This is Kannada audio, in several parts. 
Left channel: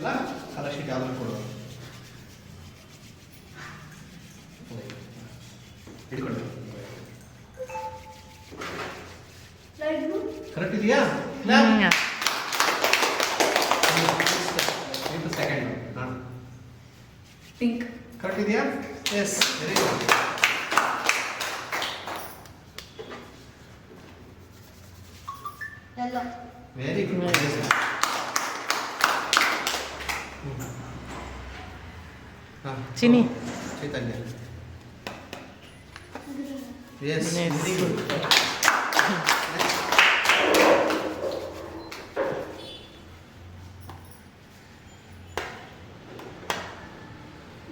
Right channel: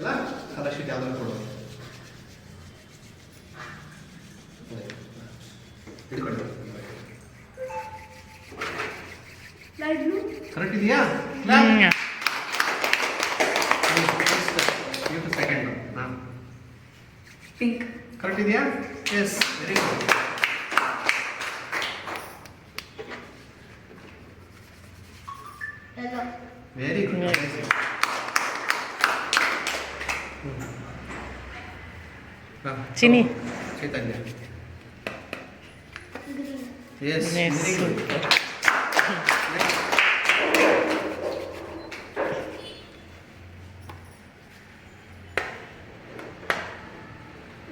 ಅಲ್ಲ ಕಲರ್ ಶೀಟ್ ಯಾವ್ದಾದ್ರು ಕೊಡು ಹಿಡ್ಕೊಂಡು ಕರೆಕ್ಟ್ ಇದೆಯಾ ಸೆಕೆಂಡ್ ಹಾಂ ಪಿಂಕ್ ಕರೆಕ್ಟ್ ಇದೆಯಾ yes very good very good Chini Chaitanya yes very good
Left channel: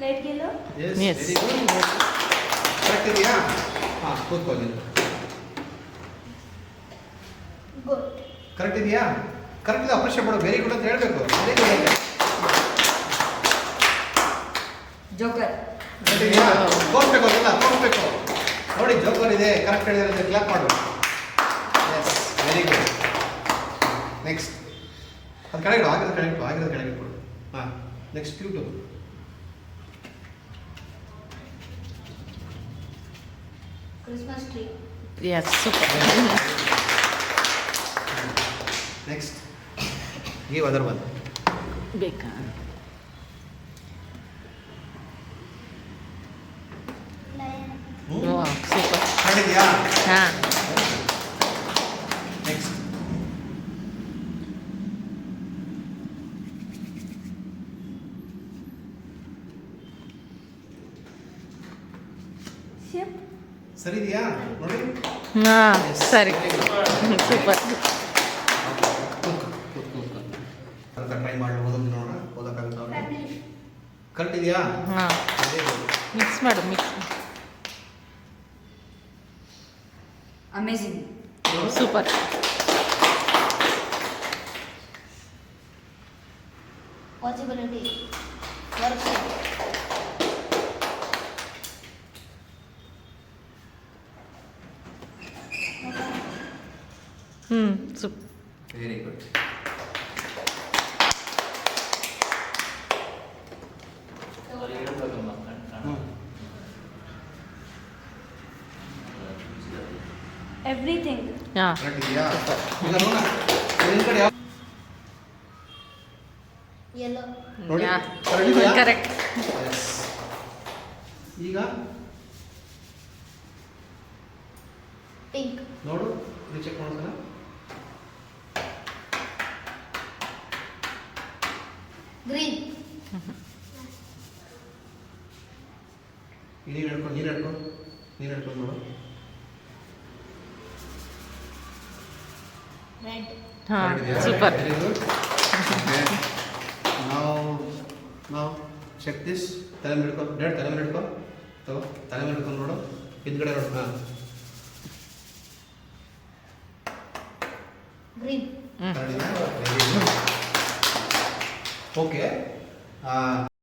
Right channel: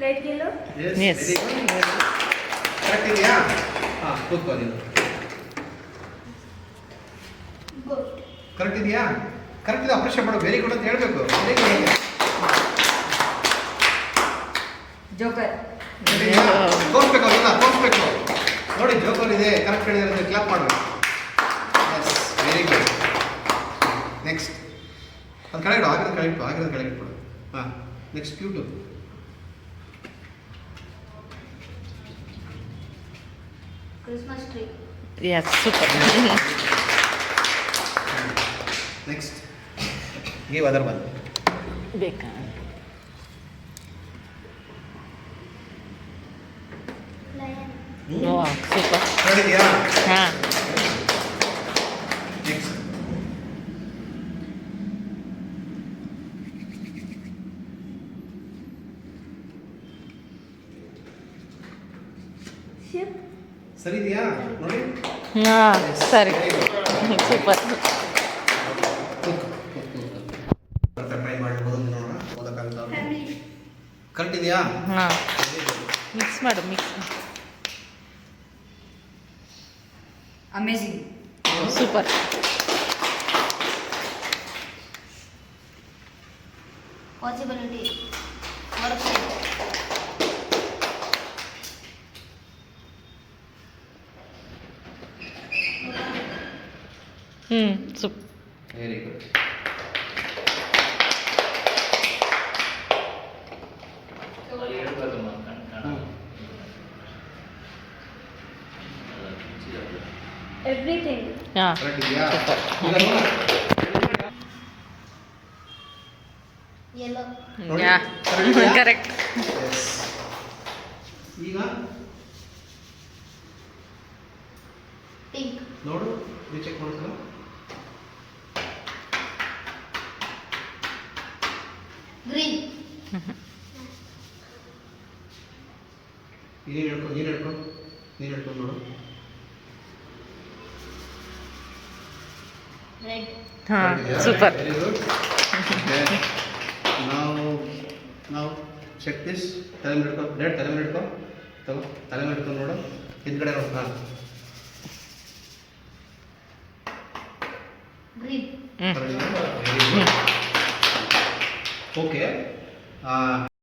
light yellow yes very good correct ಇದೆಯಾ ಹಾಂ ಕೂತ್ಕೋ ನೀನು ಕರೆಕ್ಟ್ ಇದೆಯಾ ಕರೆಕ್ಟ್ ಇದೆ ಅಪ್ರಿಷಿಯೇಟ್ ಮಾಡು ವೆರಿ ಗುಡ್ ಅಂತ ಹೇಳಬೇಕು ವೆರಿ ಗುಡ್ ಜೋಕರ್ ತೋರಿಸ್ಬೇಕು ಅವ್ರಿಲ್ಲ ತೋರಿಸ್ಬೇಕು ನೋಡಿ ಜೋಕರ್ ಇದೆ ಕರೆಕ್ಟ್ ಹೇಳಿದ್ರೆ ಕ್ಲಾಪ್ ಮಾಡಬೇಕು ಎಸ್ ವೆರಿ ಗುಡ್ ನೆಕ್ಸ್ಟ್ ಅದು ಕೆಳಗಿಡು ಆಗಿರೋದು ಕೆಳಗಿಟ್ಬಿಡು ಹಾಂ next cute Christmas tree yes super next ನೀವು ಅದರ ಬಂದು ಬೇಕಾ ಸೂಪರ್ ನೋಡಿದ್ಯಾ ಹಾಂ ನೆಕ್ಸ್ಟ್ ಶಿಪ್ ಸರಿ ಇದೆಯಾ ನೋಡಿ ಹಾಂ ಸರಿ ಸೂಪರ್ ಟ್ರೈ ಮಾಡಿ ಓದೋದು ನೋಡೋಣ ಓದಕ್ಕಾಗುತ್ತಾ ಕರೆಕ್ಟ್ ಇದೆಯಾ ಹಾಂ ಮಿಕ್ಸ್ ಮಾಡು mix amazing super possibility work super very good everything ಹಾಂ ಕರೆಕ್ಟ್ ಇದೆಯಾ ಸೂಪರ್ ಯೆಲ್ಲೋ ನೋಡಿ ಕರೆಕ್ಟ್ ಇದೆಯಾ ಕರೆಕ್ಟ್ ಎಸ್ ಈಗ ಪಿಂಕ್ ನೋಡು ಇದು ಚೆಕ್ ಮಾಡ್ಸಲ್ಲ ಗ್ರೀನ್ ನೀನು ಹಿಡ್ಕೊಂಡು ನೋಡು ರೆಡ್ ಹಾಂ ಸೂಪರ್ ವೆರಿ ಗುಡ್ ನಾವು ಚೆಕ್ ದಿಸ್ ತಲೆ ಮೇಲೆ ಹಿಡ್ಕೊ ರೆಡ್ ತಲೆ ಮೇಲೆ ಹಿಡ್ಕೊ ತಗೋ ತಲೆ ಮೇಲೆ ಹಿಡ್ಕೊಂಡು ನೋಡು ಹಿಂದ್ಗಡೆ ನೋಡು ಹಾಂ ಗ್ರೀನ್ ವೆರಿ ಗುಡ್ ಓಕೆ